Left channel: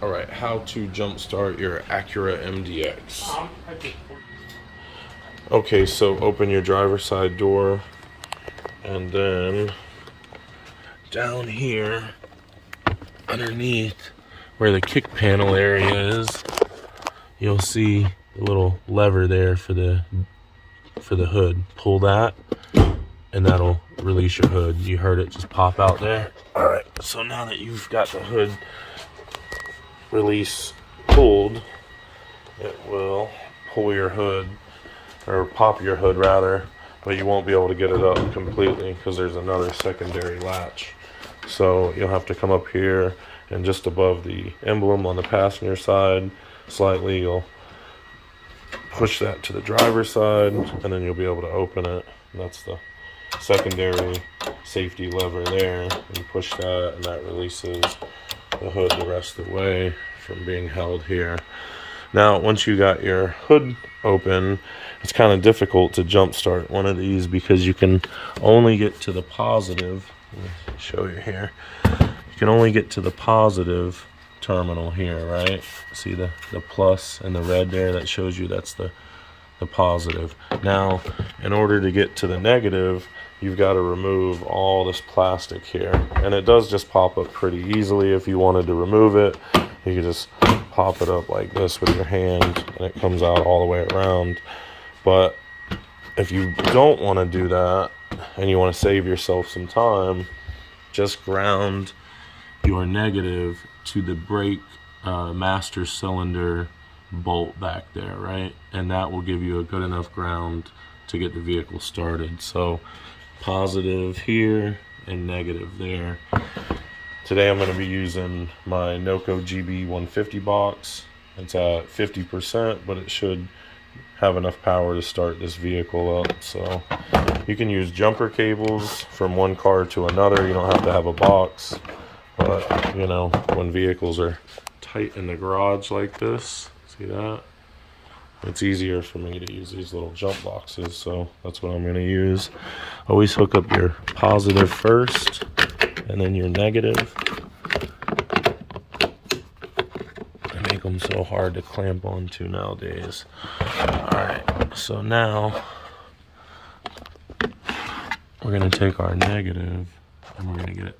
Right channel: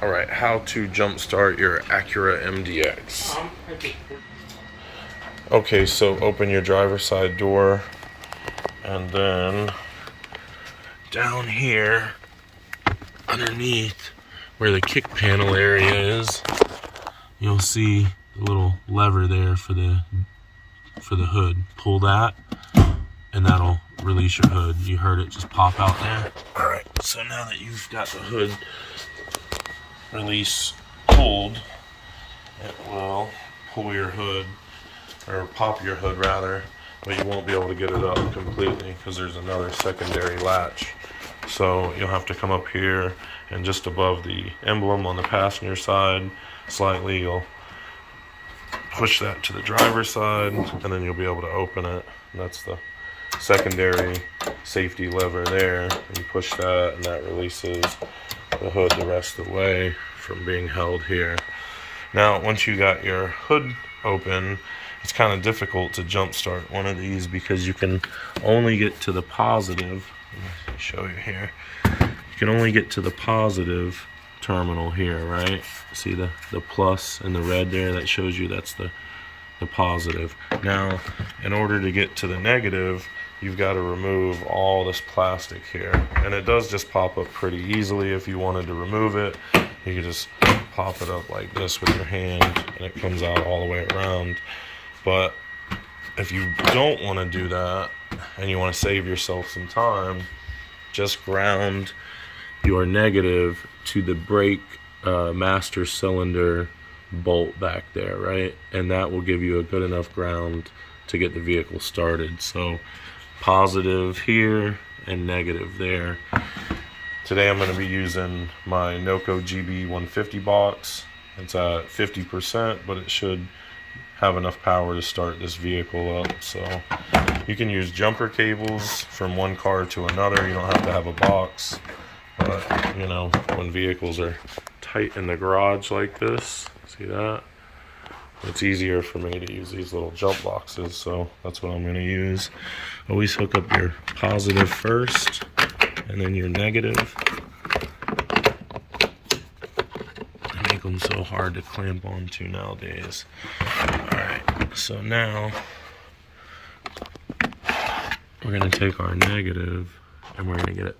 All right, how to jumpstart your Acura MDX. Okay, so open your driver's side door, and then down here, underneath where the kick panel area is, you'll see the little lever there for the hood. Pull that, and that'll release your hood. You heard it just pop out there. All right, so now that you've got the hood release pulled, it will pull your hood, or pop your hood rather, but you won't be able to get it up completely because there's another secondary latch. So you'll have to come up here, and just above the emblem on the passenger side slightly, you'll push that to the driver's side, and then you'll be able to open it. And that's the secondary safety lever there, and you push that, and that releases the hood the rest of the way from being held here. Now, once you got your hood open, it's kind of difficult to jump start one of these because you can only get to the positive. Let me show you here. You can only get to the positive terminal here, right? See the plus and the red there? That shows you that's the positive. Now, in order to get to the negative, you've got to remove all this plastic here, and it does just pop up pretty easily. If you wanted to remove it, you can just pop it up like this with your hand, and it comes out all the way around. But if you don't want to do that and you want to save yourself some time, just ground your negative to the brake master cylinder bolt back there, right? And that will give you a good enough ground to get the vehicle started. So positive here and negative there. Today I'm going to be using my Noco GB 150 box. It's at 50%, but it should have enough power to start this vehicle up. So you can use jumper cables from one car to another. You don't have to have a box, but you know, when vehicles are tight in the garage like this, see that? It's easier for me to use these little jump boxes, so that's what I'm going to use. Always hook up your positive first, and then your negative. I make them so hard to clamp onto nowadays. Alright, so now we're going to take our negative, and we're going to get it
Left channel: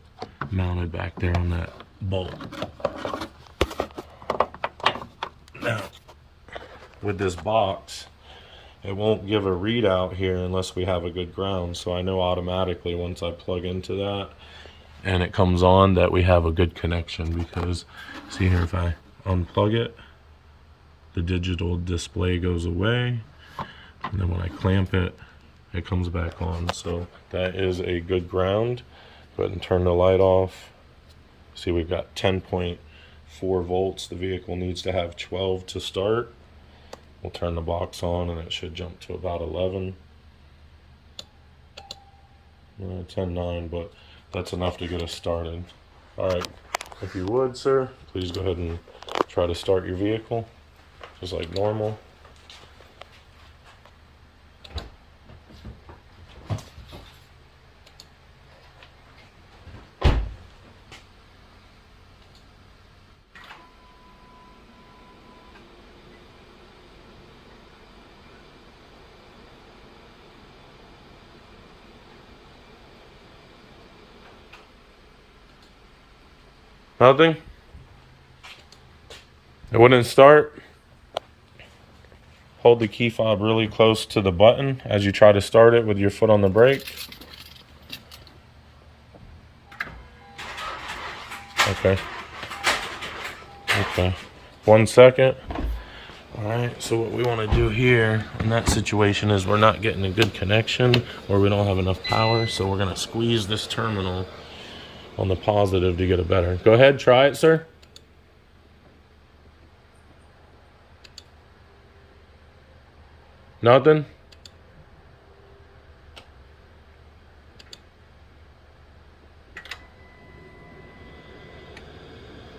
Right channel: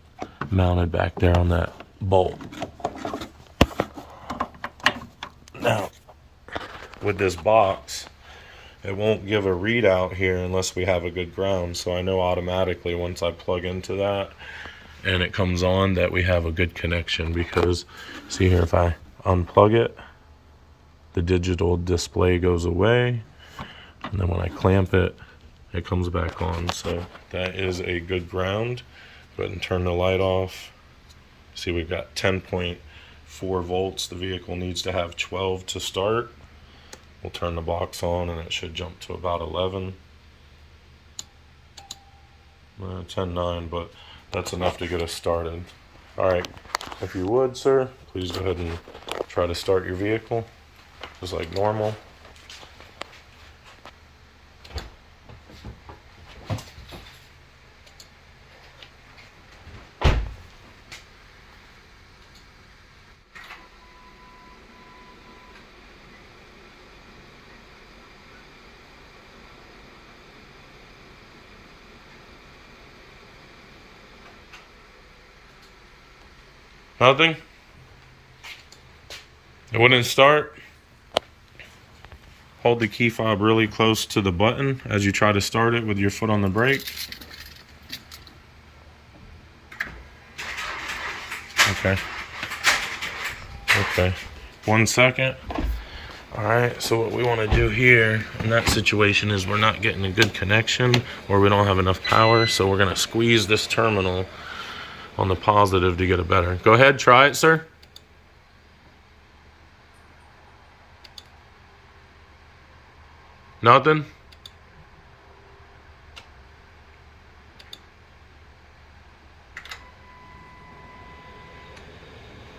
mounted back there on that bolt. Now, with this box, it won't give a readout here unless we have a good ground. So I know automatically once I plug into that and it comes on that we have a good connection, because see here, if I unplug it, the digital display goes away, and then when I clamp it, it comes back on. So that is a good ground. Go ahead and turn the light off. See, we've got 10.4 volts. The vehicle needs to have 12 to start. We'll turn the box on, and it should jump to about 11. 10.9, but that's enough to get us started. All right, if you would, sir, please go ahead and try to start your vehicle, just like normal. Nothing? It wouldn't start? Hold the key fob really close to the button as you try to start it with your foot on the brake. Okay. Okay. 1 second. Alright, so what we want to do here in that situation is we're not getting a good connection, or we don't have enough power, so we're going to squeeze this terminal on the positive to get it better. Go ahead, try it, sir. Nothing?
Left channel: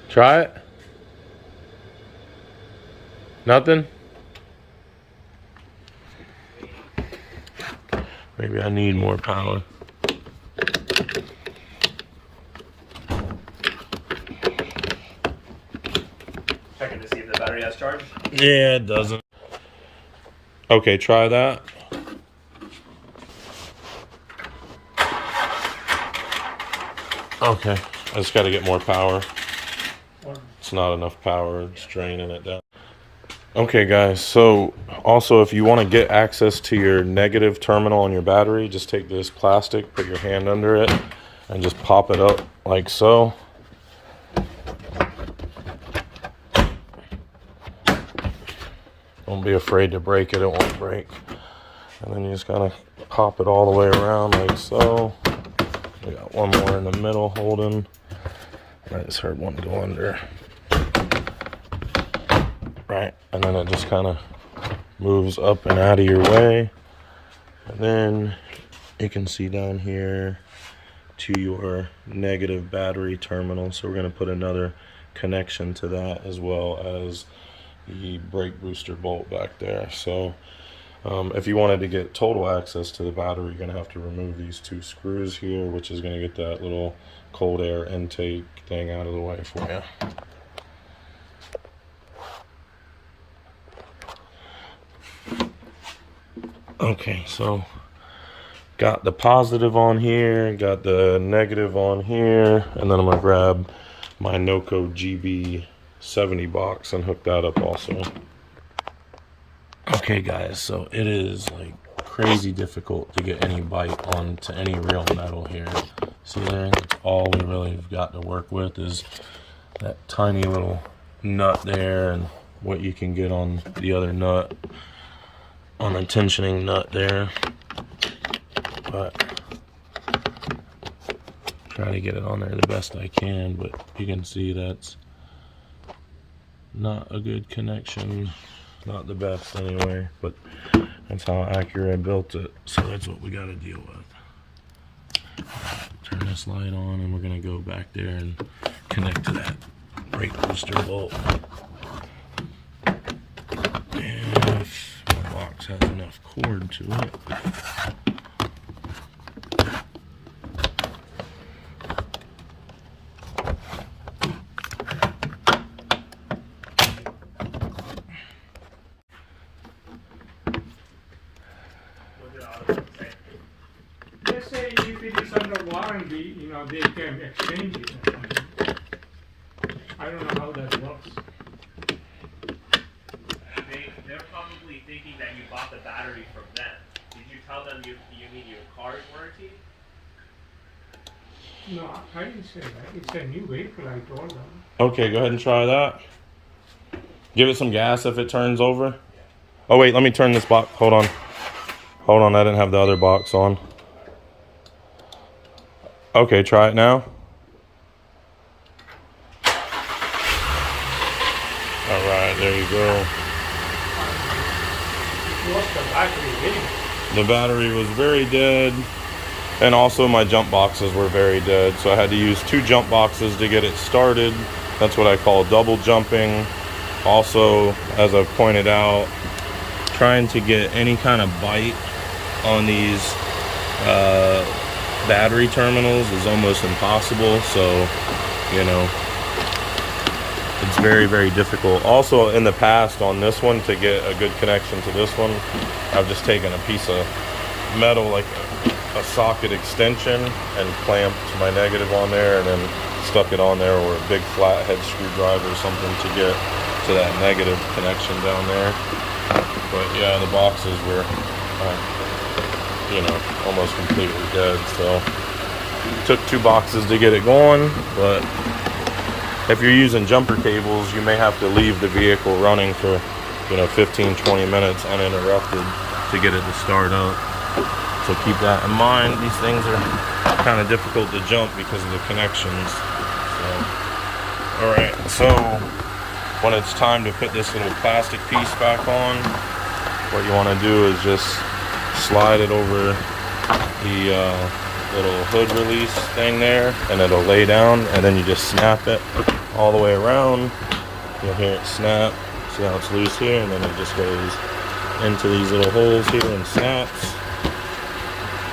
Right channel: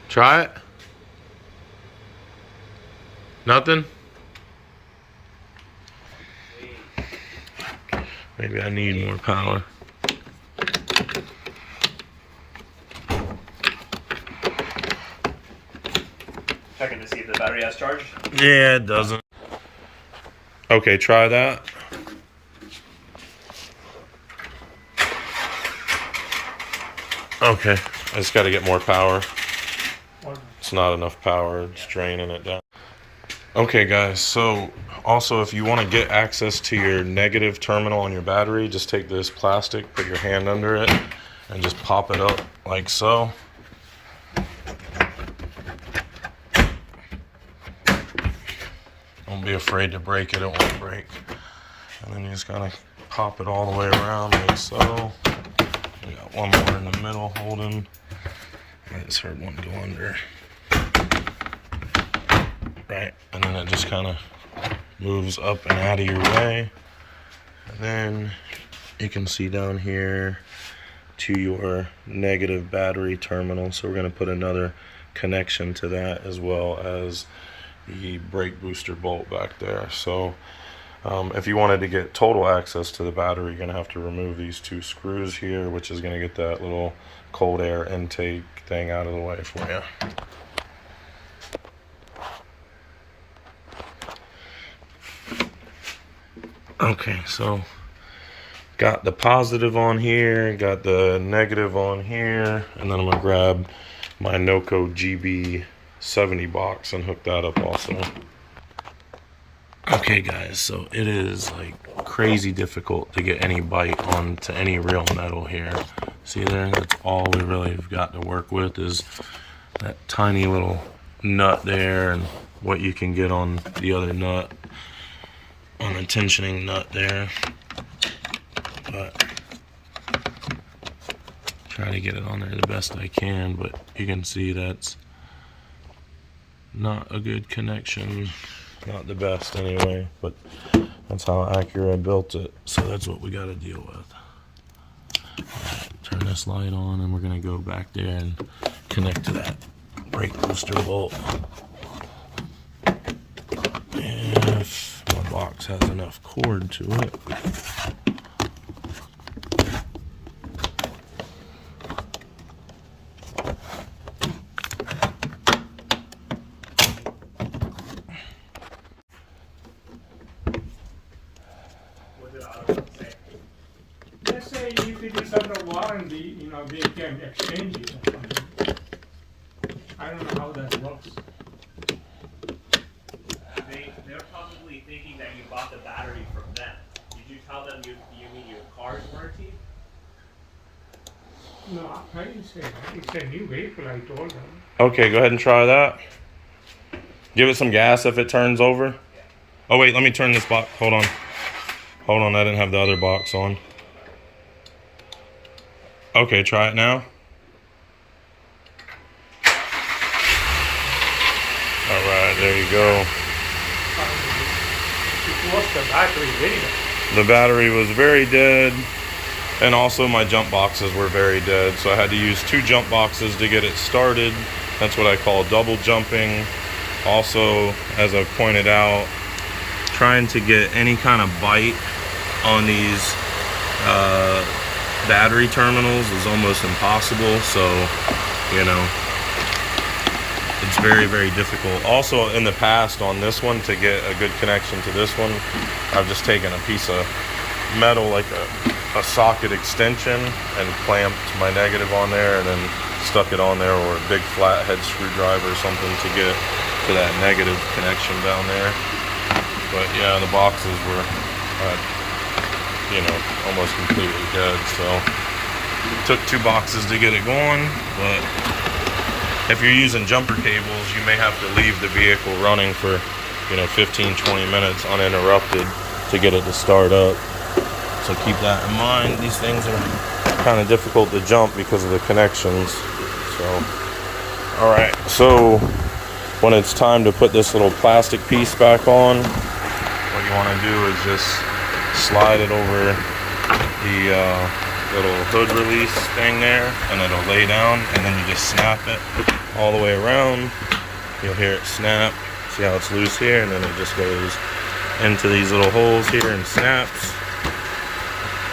Try it. Nothing? Maybe I need more power. Checking to see if the battery has charged. Yeah, it doesn't. Okay, try that. Okay, I just got to get more power. It's not enough power. It's draining it down. Okay, guys, so also if you want to get access to your negative terminal on your battery, just take this plastic, put your hand under it, and just pop it up like so. Don't be afraid to break it, it won't break. And then you just gotta pop it all the way around like so. We got one more in the middle holding. I just heard one go under. Right, and then it just kind of moves up and out of your way. And then you can see down here to your negative battery terminal. So we're gonna put another connection to that as well as the brake booster bolt back there. So if you wanted to get total access to the battery, you're gonna have to remove these two screws here, which is gonna get that little cold air intake thing out of the way for you. Okay, so got the positive on here, got the negative on here, and then I'm gonna grab my Noco GB70 box and hook that up also. Okay guys, so it is like crazy difficult to get any bite onto any real metal here. See there, that's all we really have got to work with is that tiny little nut there and what you can get on the other nut, on the tensioning nut there. But try to get it on there the best I can, but you can see that's not a good connection. Not the best anyway, but that's how Acura built it, so that's what we got to deal with. Right, turn this light on and we're gonna go back there and connect to that brake booster bolt. If my box has enough cord to it. Just say if it is under warranty, you know, they can exchange it. I don't know how that works. They're probably thinking that you bought the battery from them. Did you tell them you need your car's warranty? No, I didn't say that. It's a new vehicle, I told them. Okay, go ahead and try that. Give it some gas if it turns over. Oh wait, let me turn this box. Hold on. Hold on, I didn't have the other box on. Okay, try it now. All right, there you go. The battery was very dead, and also my jump boxes were very dead, so I had to use 2 jump boxes to get it started. That's what I call double jumping. Also, as I've pointed out, trying to get any kind of bite on these battery terminals is almost impossible, so you know, it's very, very difficult. Also, in the past on this one, to get a good connection to this one, I've just taken a piece of metal, like a socket extension, and clamped my negative on there and then stuck it on there, or a big flathead screwdriver or something to get to that negative connection down there. But yeah, the boxes were you know, almost completely dead, so it took 2 boxes to get it going. But if you're using jumper cables, you may have to leave the vehicle running for, you know, 15-20 minutes uninterrupted to get it to start up. So keep that in mind. These things are kind of difficult to jump because of the connections. So all right, so when it's time to put this little plastic piece back on, what you want to do is just slide it over the little hood release thing there, and it'll lay down, and then you just snap it all the way around. You'll hear it snap. See how it's loose here, and then it just goes into these little holes here and snaps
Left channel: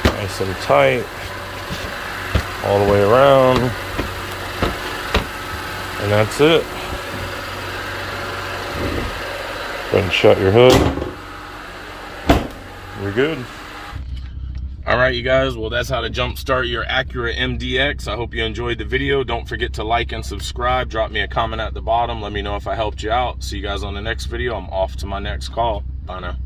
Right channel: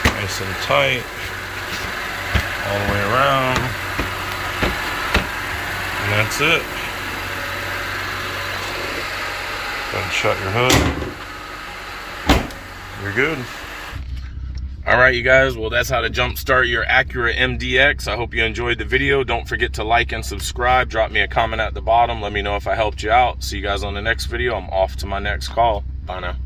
nice and tight all the way around, and that's it. and shut your hood. You're good. All right, you guys, well, that's how to jump start your Acura MDX. I hope you enjoyed the video. Don't forget to like and subscribe. Drop me a comment at the bottom. Let me know if I helped you out. See you guys on the next video. I'm off to my next call. Bye now.